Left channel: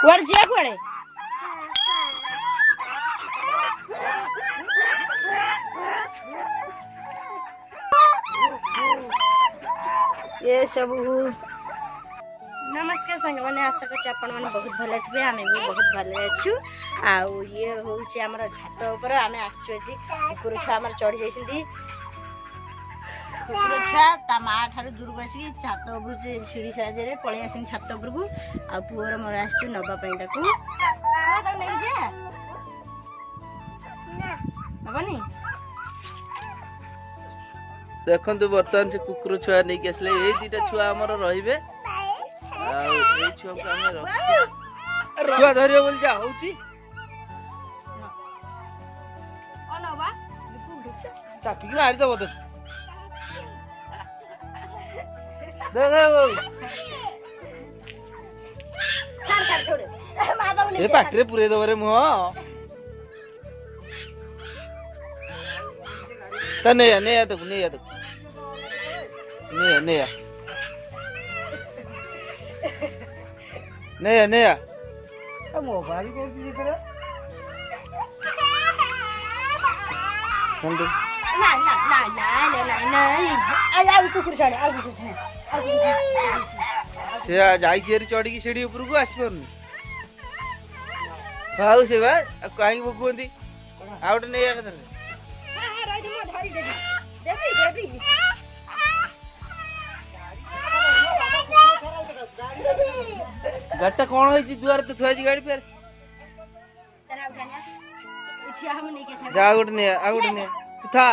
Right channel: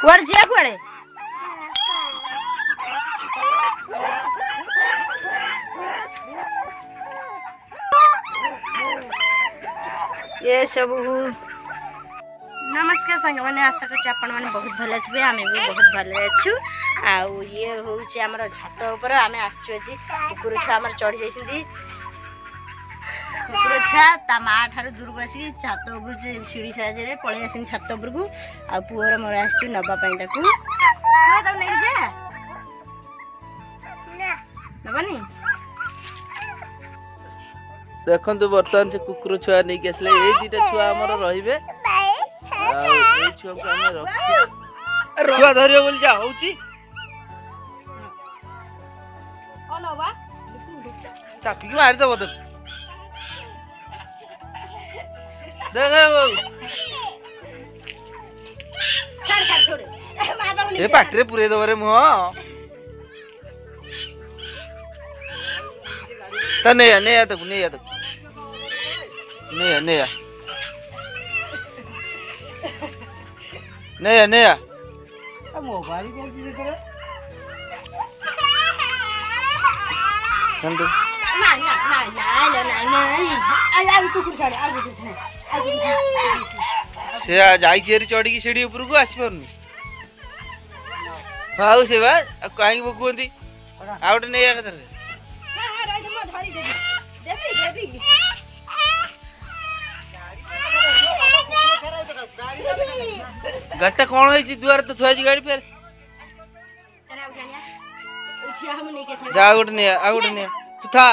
कुआड़े जिया कुआड़े ये सब नमस्कार संग मैंने आशा कर आपण मैंने बहुत भले थे आम भी बहुत भले अच्छु आउ ये हूँ आम छात उपर आम आसचु कुकुर छुआ आम चढ़ी जाइए कुकुर छुआ ता माँ ठार दूर को आसिक छात उपर सीढ़ी साहाଯ୍य पलि आस छात उपर को आ पुअर मोर आस नवापाई नहीं जा नबानी देखु बर्तमान से कुकुर छुआ नहीं के आसले ये दीटा छुआ आमर रहिबे आ छुआ को आमे रख छुआ धरियो बोल जा होची अनवा चापी मार दबो तो देख छोड़ ए पाटरे पुरे दबरे मुह तो नहीं आ तक नहीं आ तक नहीं आ मोबाइल को की करे संदू ना कुकुर छाड़े आ कुकुर छाड़े से जाई चेरी चढ़ी की सीढ़ी ऊपर को आसी परनी हाउ से बा काई बकुंदी आउट नहीं आ कदर गट्टा कौन है दुआर तो थुआ गाड़ी फेर जा गुड नहीं आ गुड नहीं तू था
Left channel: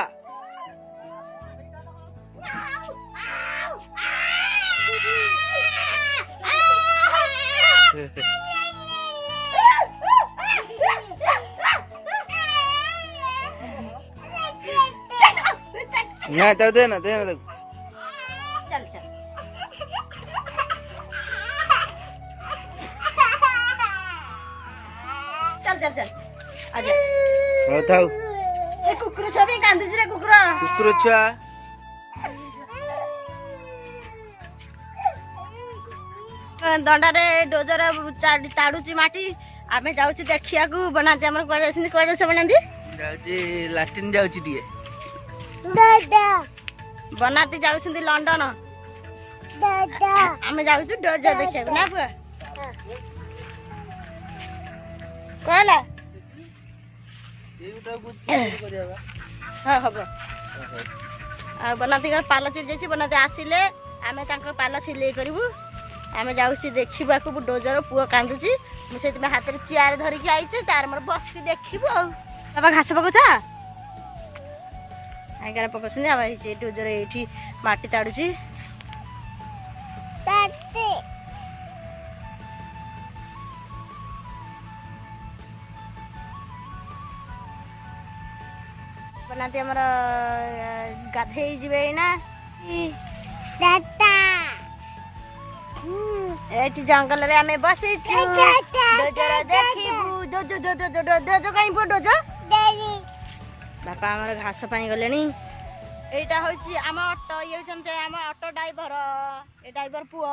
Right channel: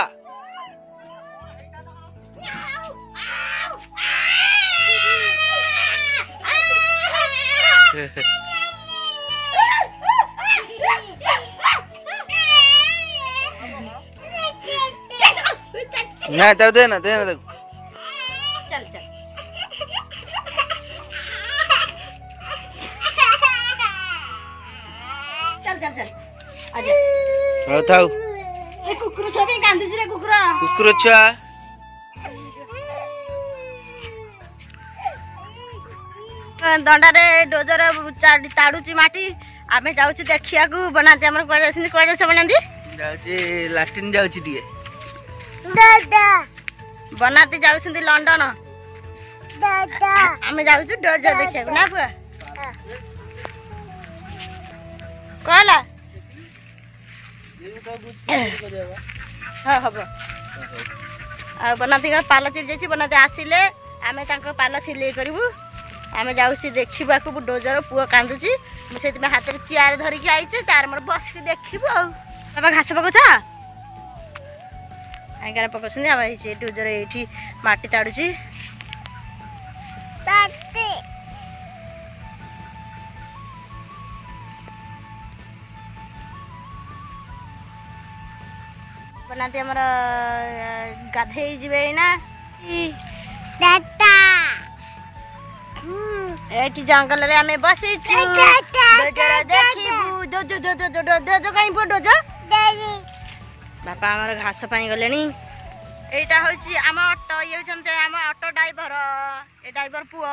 ना तो देना देना तो चल चल चल चल चल आजा हो थाउ ए कुकुर छुआ भी कांदुछ रे कुकुर छुआ दंडा रे डोजर ताड़ुची माटी आमे जाउची देखिया को बनाते हमर कोइ जासिन कोइ जास बनांदी जाउची लैट्रिन जाउची दिए दादा बनाते जाउछंदी लंडन दादा आमे जाउछु डोजर देखिया ना पुआ कहला हाँ हम बनाती पाल चिरी जाइए बनाते आसिले आम पाल सिले करूँ आम जाऊँ देखा डोजर पुआ कांदुची मुझे हाथ में चेयर धरिकी आईचे तार मोर बसिक देखू आ बाबा घास पकाउछ आगे पकाउछन् आम डोजर ये माटी ताड़ुची बनाते हमर गाधे जीवे ना एटी जंगल रे हमें बसिछु डोजर देखिबु डोजो डोजो डोजो डोजो काई पो डोजो बापा हमर घास पाई गलेनी एटा होची हम ऑटो ये छनते हम ऑटो ड्राइवर ए ड्राइवर पुओ